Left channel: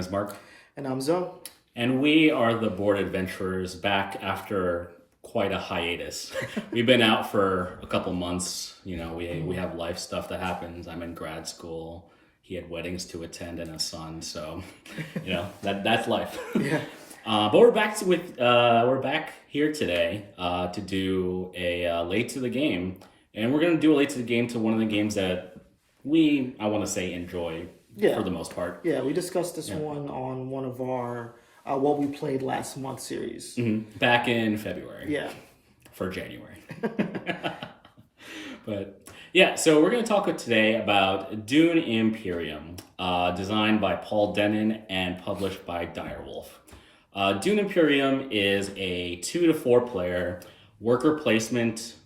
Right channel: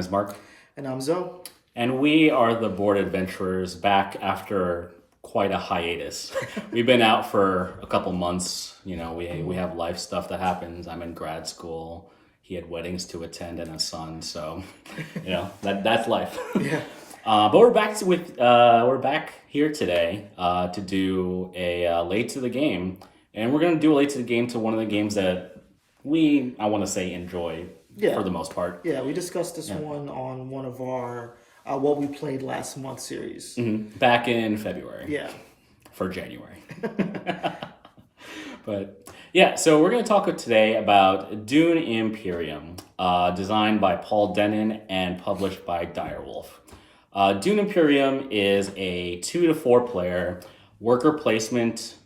is Mark. And I'm Zoe. And we are the board adventurers back after quite a hiatus. We've been out for a couple months. You know, we have life stuff that happens. I'm in grad school. He had weddings to attend and a son. So, you know, that's life. Yeah. But we're back here today to do a late to the game. And we're going to do a late to the game to one of the games that I want to say, enjoy for the most part. Yeah, we discussed this one on one of our what we played last month series. Mm-hmm. Back in February. Yeah. For January. But yeah, so we're going to talk today about Dune Imperium, designed by Paul Dennen and published by Direwolf. Dune Imperium is a 2 to 4 player worker placement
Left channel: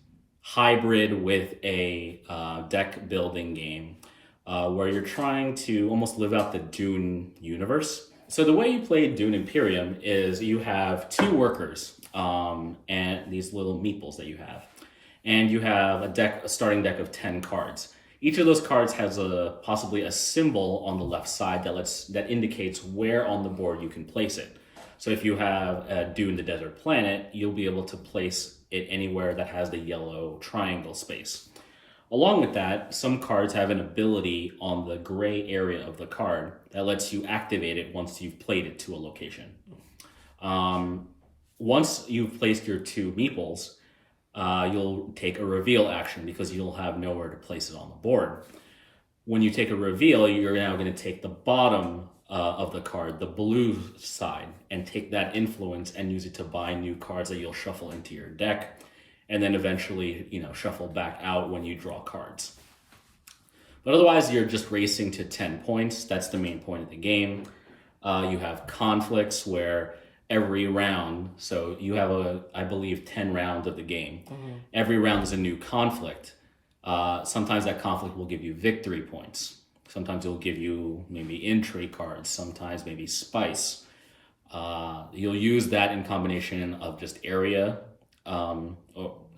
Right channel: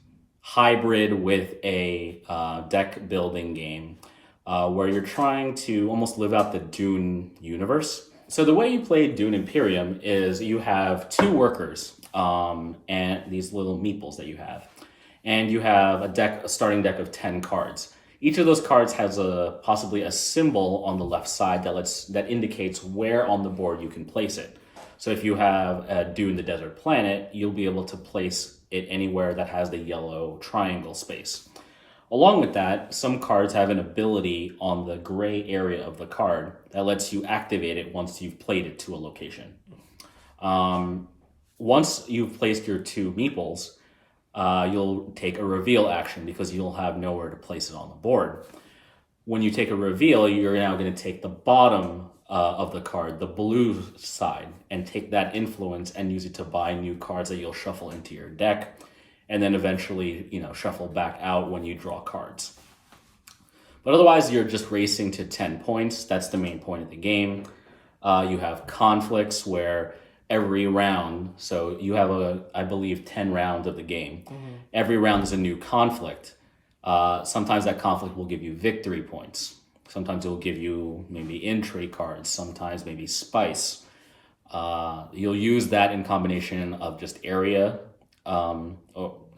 hybrid with a deck building game where you're trying to almost live out the Dune universe. So the way you play Dune Imperium is you have 2 workers and these little meeples that you have. And you have a starting deck of 10 cards. Each of those cards has possibly a symbol on the left side that indicates where on the board you can place it. So if you have Dune the Desert Planet, you'll be able to place it anywhere that has the yellow triangle space. Along with that, some cards have an ability on the gray area of the card that lets you activate it once you've played it to a location. Once you've placed your 2 meeples, you'll take a reveal action because you'll have nowhere to place it on the board. When you take a reveal, you're now going to take the bottom of the card, the blue side, and take that influence and use it to buy new cards that you'll shuffle into your deck, and then eventually, shuffle back out when you draw cards. But otherwise, you're just racing to 10 points. That's the main point of the game. You have conflicts where every round, so you have I believe 10 rounds of the game. Mm-hmm. Every round is a new conflict. Sometimes that conflict will give you victory points. Sometimes it will give you maybe intrigue cards, sometimes maybe spice. You'll use that in combination of just area, not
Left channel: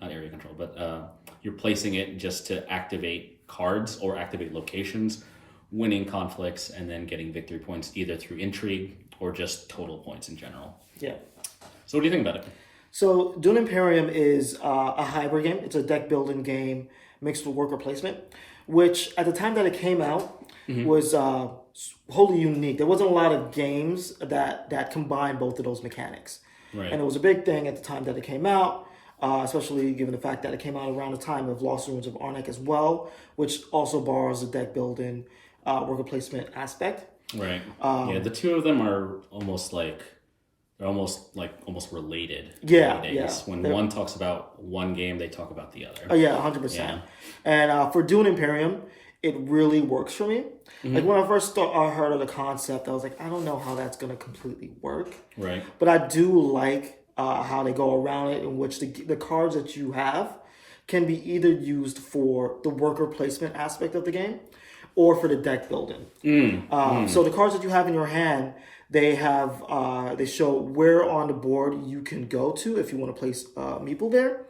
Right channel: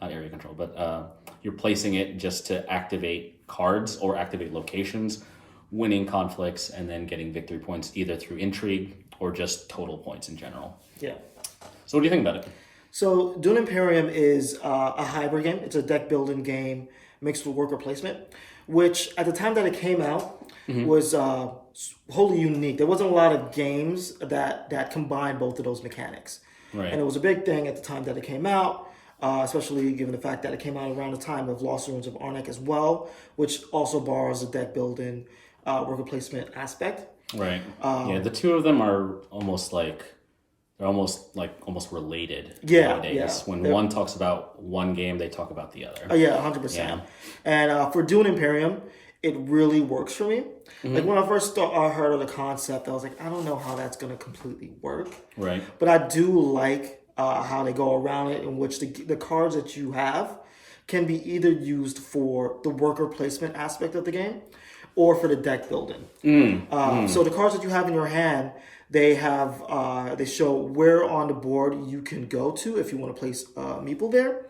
area control, but you're placing it just to activate cards or activate locations, winning conflicts, and then getting victory points either through intrigue or just total points in general. Yeah. So what do you think about it? So Dune Imperium is a hybrid game. It's a deck building game mixed with worker placement, which at the time that it came out was wholly unique. There wasn't a lot of games that combined both of those mechanics. Right. And it was a big thing at the time that it came out, especially given the fact that it came out around the time of Lost Ruins of Arnak as well, which also borrows the deck building worker placement aspect. Right. The two of them are almost related. Yeah. Nowadays. Yeah. When one talks about one game, they talk about the other. 100%. Yeah. And for Dune Imperium, it really works for me. Mm-hmm. Like when I first heard of the concept, I was like, I don't know how that's going to completely work. Right. But I do like how they go around it, in which the cards that you have can be either used for the worker placement aspect of the game or for the deck building. So the cards that you have in your hand, they show where on the board you can go to if you want to place meeple there.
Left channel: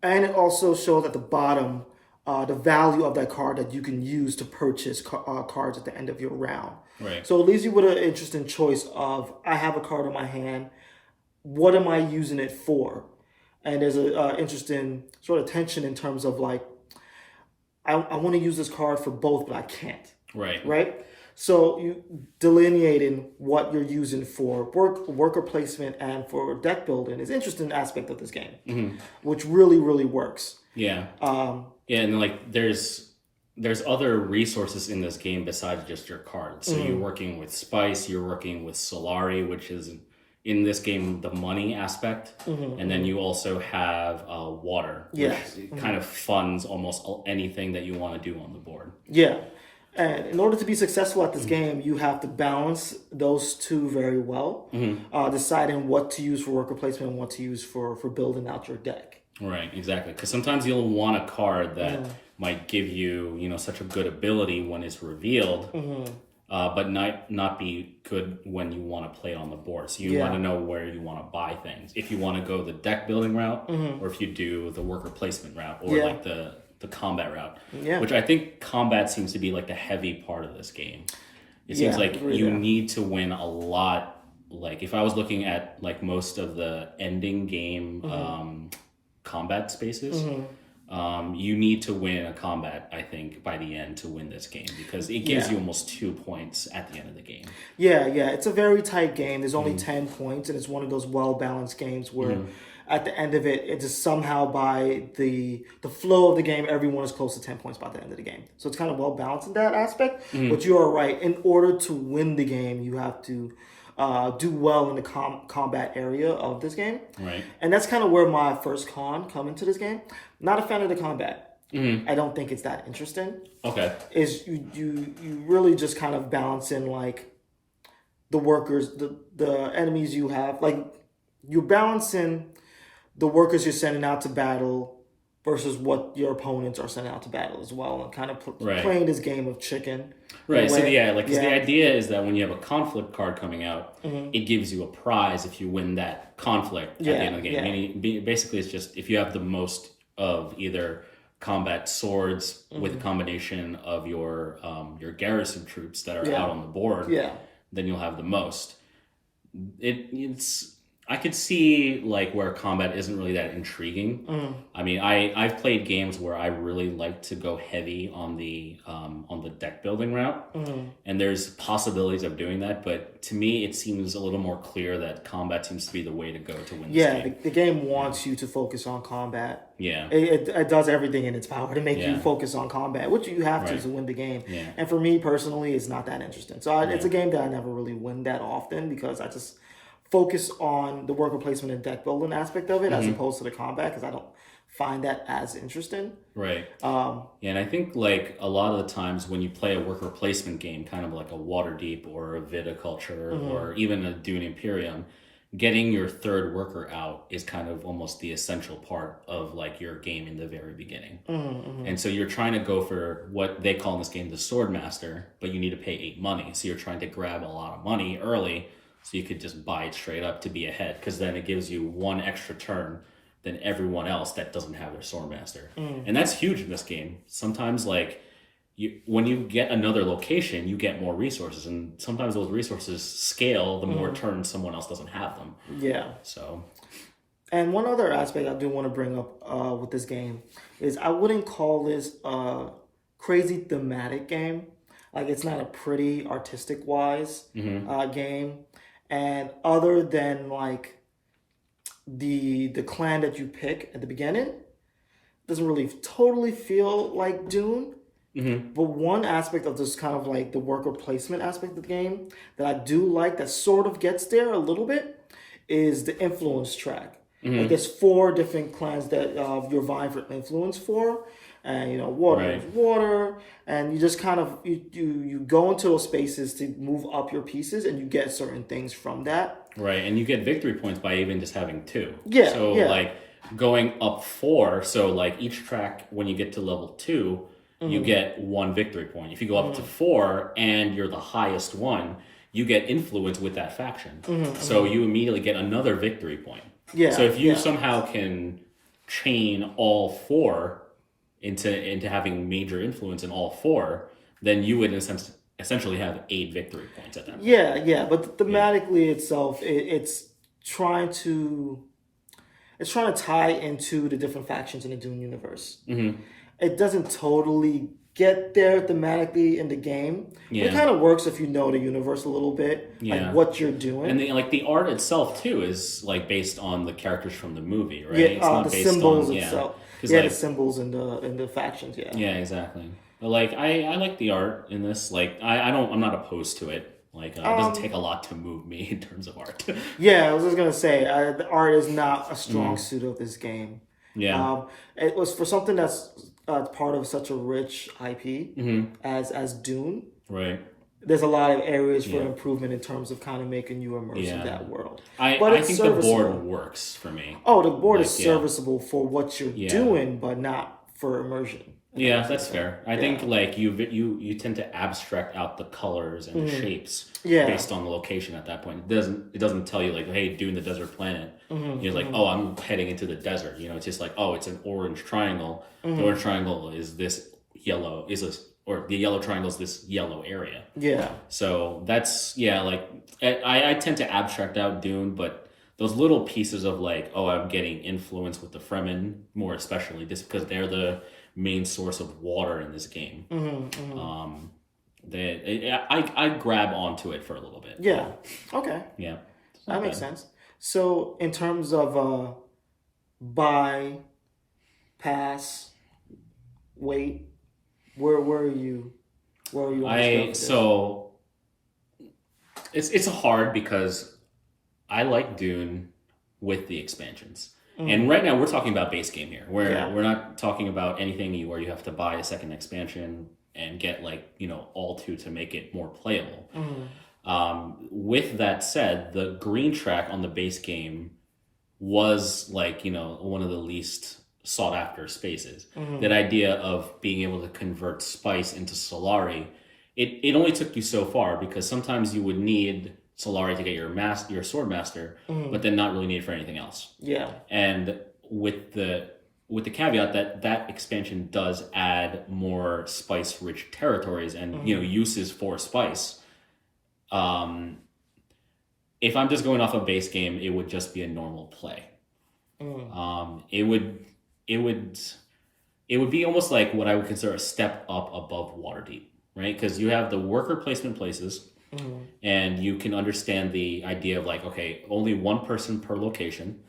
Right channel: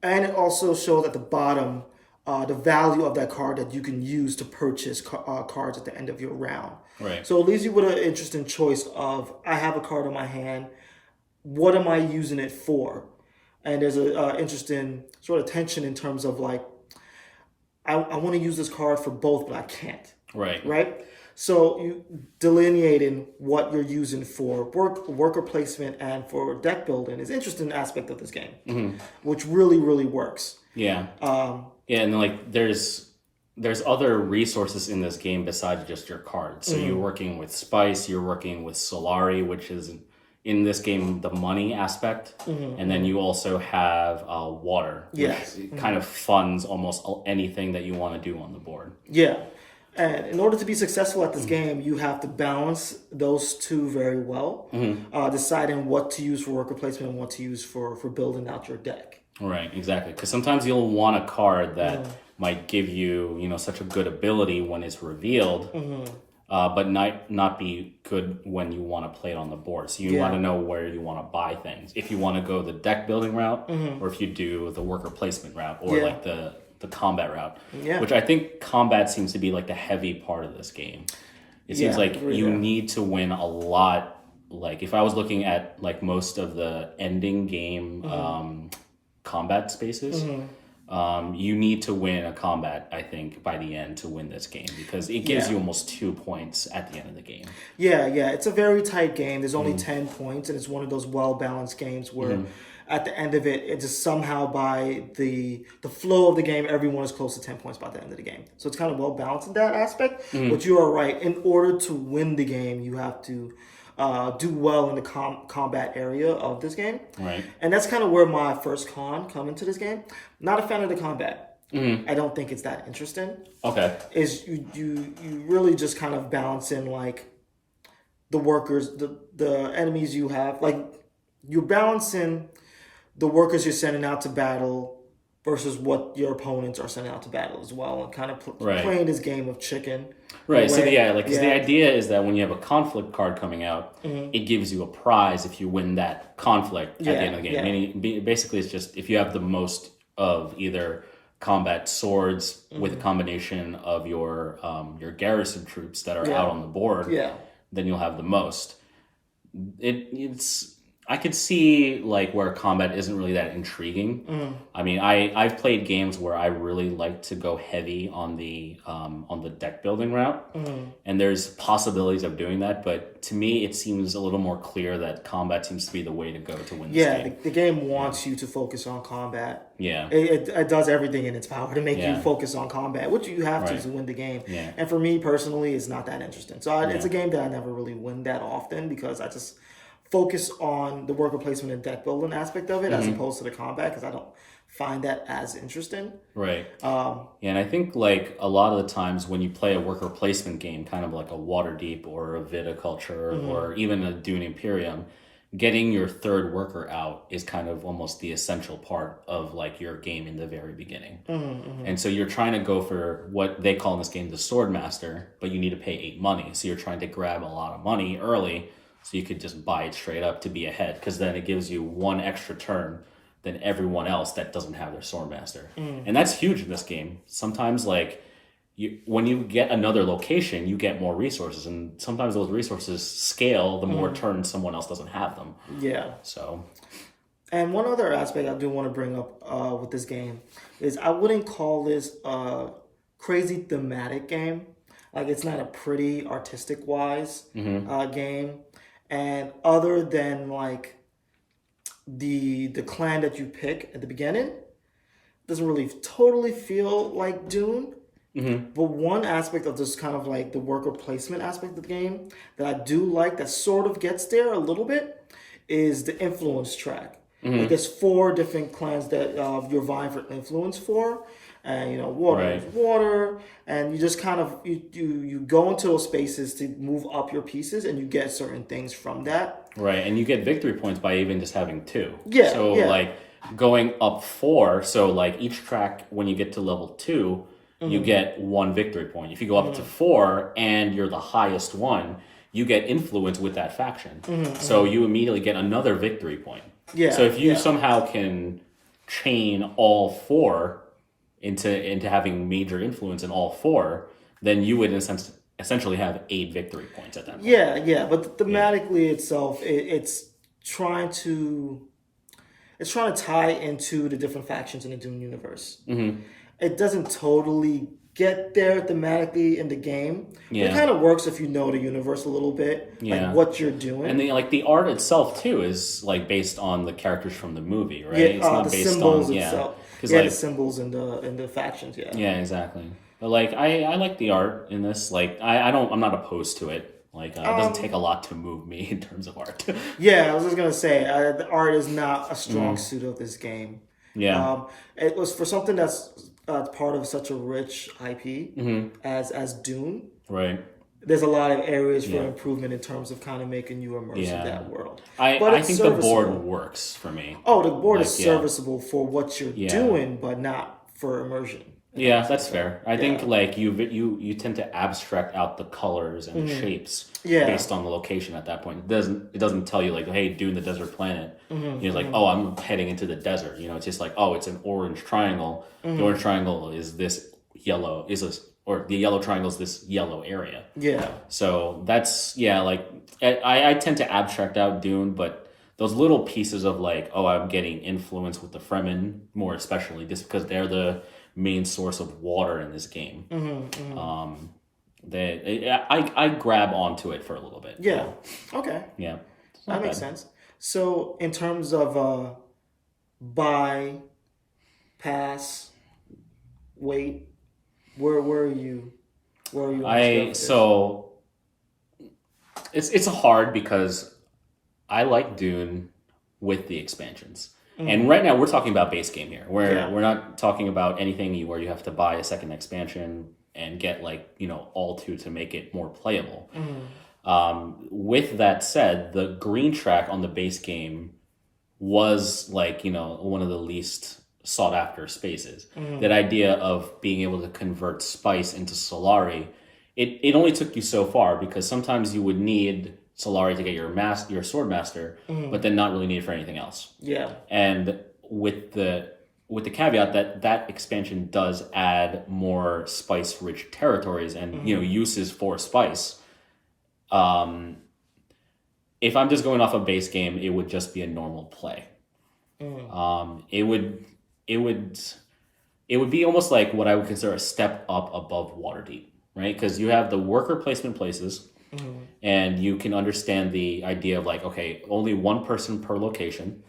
And it also shows at the bottom the value of that card that you can use to purchase cards at the end of your round. Right. So it leaves you with an interesting choice of, I have a card in my hand, what am I using it for? And there's an interesting sort of tension in terms of like, I want to use this card for both, but I can't. Right? So you delineating what you're using for worker placement and for deck building is an interesting aspect of this game, which really, really works. Yeah. And like there's other resources in this game besides just your cards. So you're working with spice, you're working with Solari, which is in this game the money aspect, and then you also have water. Yes. It kind of funds almost anything that you want to do on the board. Yeah. And in order to be successful at this game, you have to balance those two very well, deciding what to use for worker placement and what to use for building out your deck. Right, exactly. Because sometimes you'll want a card that might give you, such a good ability when it's revealed, but not be good when you want to play it on the board. So you want to know where you want to buy things. If you want to go the deck building route, or if you do the worker placement route, or like the combat route, which I think combat seems to be like the heavy part of this game. It seems like agree you there. need to win a lot. Like if I was looking at like most of the ending game combat spaces, you need to win a combat, I think, by the end to win this game because it gives Yeah. you almost 2 points at the end of the game. Yeah, it's a very tight game. There's only 10 points, and it's one of those well-balanced games where at the end of it, it just somehow by the flow of the game, everyone is close to 10 points by the end of the game. So it's kind of well-balanced in that aspect. But you are right. In order to win the game, you have to do well in the combat area of this game. Right. And that's kind of where my first con come into this game. Not a fan of the combat. I don't think it's that interesting. Okay. Is you really just kind of balance in like the workers, the enemies you have. Like you're balancing the workers you're sending out to battle versus what your opponents are sending out to battle as well, and kind of playing this game of chicken. Right. So the idea is that when you have a conflict card coming out, it gives you a prize if you win that conflict at the end of the game. Basically, it's just if you have the most of either combat swords with a combination of your garrison troops that are out on the board, then you'll have the most. It's I could see like where combat isn't really that intriguing. I mean, I've played games where I really like to go heavy on the deck building route, and there's possibilities of doing that. But to me, it seems a little more clear that combat seems to be the way to go to win. This game. The game wants you to focus on combat. Yeah, it does everything in its power to make you focus on combat, which you have to win the game. Yeah. And for me personally, it's not that interesting. So it's a game that I never really win that often because I just focus on the worker placement and deck building aspect of it as opposed to the combat because I don't find that as interesting. Right. And I think like a lot of the times when you play a worker placement game, kind of like a Waterdeep or a Viticulture or even a Dune Imperium, getting your third worker out is kind of almost the essential part of like your game in the very beginning. And so you're trying to go for what they call in this game the Sword Master, but you need to pay 8 money. So you're trying to grab a lot of money early so you could just buy it straight up to be ahead, because then it gives you 1 extra turn than everyone else that doesn't have their Sword Master. And that's huge in this game. Sometimes like when you get another location, you get more resources, and sometimes those resources scale the more turns someone else doesn't have them. Yeah. So, and one other aspect I do want to bring up with this game is I wouldn't call this a crazy thematic game. Like it's not a pretty artistic wise game, and other than like the clan that you pick at the beginning doesn't really totally feel like Dune. But one aspect of this kind of like the worker placement aspect of the game that I do like that sort of gets there a little bit is the influence track. Like there's 4 different clans that you're vying for influence for, and water is water, and you just kind of you go into those spaces to move up your pieces, and you get certain things from that. Right, and you get victory points by even just having 2. Yeah. So like going up 4, so like each track when you get to level 2. You get 1 victory point. If you go up to 4 and you're the highest one, you get influence with that faction. So you immediately get another victory point. Yeah. So if you somehow can chain all 4 into having major influence in all 4, then you would in a sense essentially have 8 victory points at that point. Yeah. But thematically itself, it's trying to tie into the different factions in the Dune universe. It doesn't totally get there thematically in the game. It kind of works if you know the universe a little bit, like what you're doing. And the art itself too is like based on the characters from the movie, right? Yeah, it's not the based symbols on, itself. Yeah, the symbols in the factions. Yeah. Yeah, exactly. But like I like the art in this. Like I'm not opposed to it. Like it doesn't take a lot to move me in terms of art. Yeah, I was just gonna say the art is not a strong suit of this game. Yeah. It was for something that's part of such a rich IP as Dune. Right. There's a lot of areas for improvement in terms of kind of making you immerse in that world. But I think the board works for me. Oh, the board is serviceable for what you're doing, but not for immersion. Yeah, that's fair. I think like you tend to abstract out the colors and shapes based on the location at that point. It doesn't tell you like, hey, Dune, the desert planet. You're like, oh, I'm heading into the desert. It's just like, oh, it's an orange triangle. The orange triangle is this yellow, is a or the yellow triangle is this yellow area. Yeah. So that's, yeah, like, I tend to abstract out Dune, but those little pieces of like, oh, I'm getting influence with the Fremen, more especially, just because they're the main source of water in this game. I grab onto it for a little bit. Yeah. Okay. Yeah. That makes sense. So in terms of buy, pass, wait, where are you? Where are you on the scale for this? So it's hard because I like Dune with the expansions. And right now we're talking about base game here. We're not talking about anything where you have to buy a second expansion and get like, all two to make it more playable. With that said, the green track on the base game was like, one of the least sought after spaces. That idea of being able to convert spice into Solari, it only took you so far, because sometimes you would need Solari to get your sword master, but then not really need it for anything else. Yeah. And with the caveat that expansion does add more spice rich territories and uses for spice. If I'm just going off a base game, it would just be a normal play. It would be almost like what I would consider a step up above Waterdeep, right? Because you have the worker placement places, and you can understand the idea of like, okay, only one person per location,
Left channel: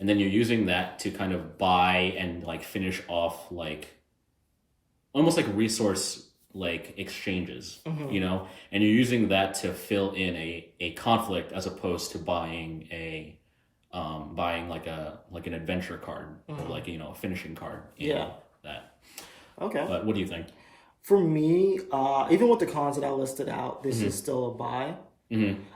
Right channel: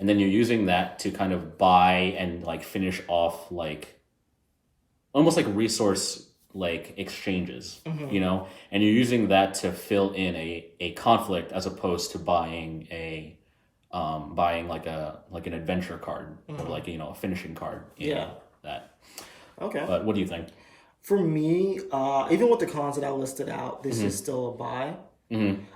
and then you're using that to kind of buy and like finish off like almost like resource like exchanges, and you're using that to fill in a conflict, as opposed to buying like an adventure card, or like a finishing card. That. Okay. But what do you think? For me, even with the cons that I listed out, this is still a buy.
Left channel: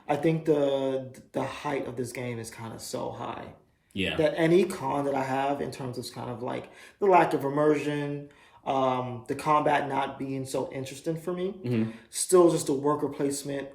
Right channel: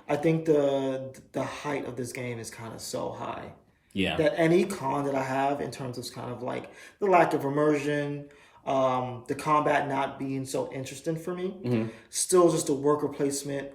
I think the height of this game is kind of so high. Yeah. That any con that I have in terms of kind of like the lack of immersion, the combat not being so interesting for me, still just the worker placement,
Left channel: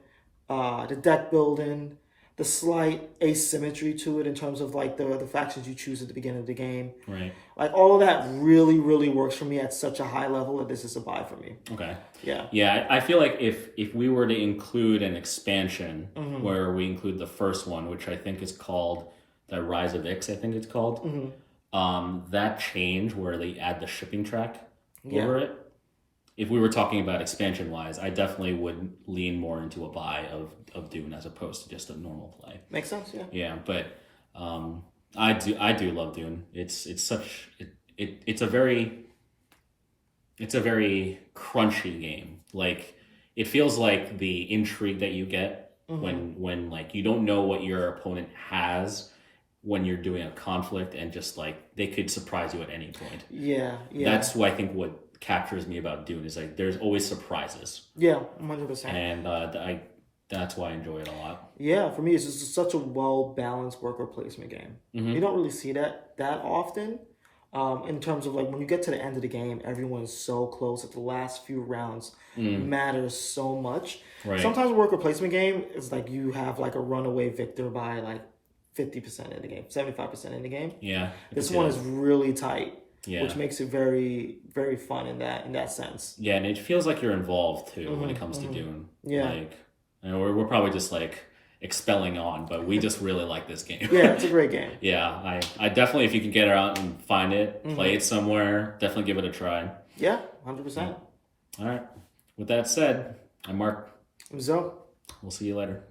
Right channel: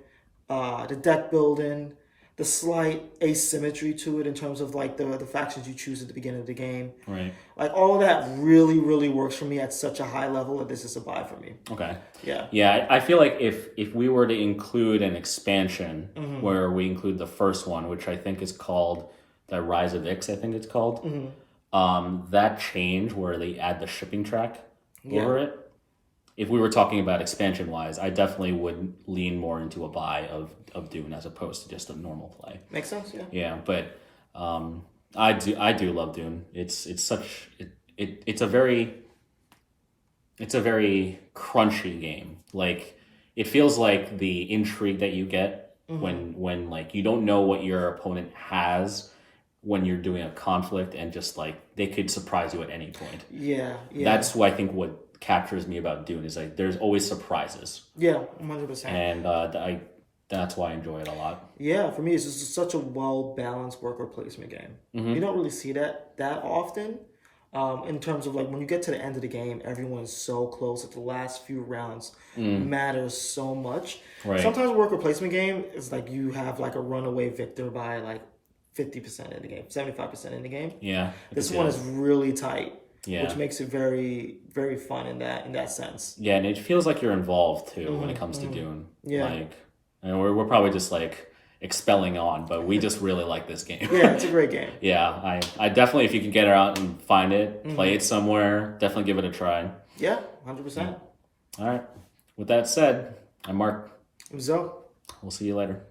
the deck building, the slight asymmetry to it in terms of like the factions you choose at the beginning of the game. Right. Like all of that really, really works for me at such a high level that this is a buy for me. Okay. Yeah. Yeah, I feel like if we were to include an expansion where we include the first one, which I think is called the Rise of Ix, I think it's called, that change where they add the shipping track over it, if we were talking about expansion wise, I definitely would lean more into a buy of Dune as opposed to just a normal play. Makes sense, yeah. Yeah, but I do love Dune. It's a very crunchy game. Like, it feels like the intrigue that you get when like you don't know what your opponent has when you're doing a conflict, and just like they could surprise you at any point. Yeah. That's what I think what captures me about Dune is like there's always surprises. Yeah, 100%. And that's why I enjoy it a lot. Yeah, for me, it's just such a well-balanced worker placement game. You don't really see that often. In terms of like when you get to the end of the game, everyone is so close that the last few rounds matters so much. Right. Sometimes a worker placement game is like you have like a runaway victor by like 50% in the game, 75% in the game. Yeah. This one is really tight. Yeah. Which makes it very, very fun in that sense. Yeah, and it feels like you're involved too when it comes to Dune. Yeah. Like, we're probably just like expelling on, but we just really like this game. Yeah, it's a great game. Yeah, I definitely, if you can get it out and find it, play it somewhere, definitely give it a try. Yeah, 100%. Yeah. All right. With that said, I'm Mark. I'm Zoe. We'll see you later.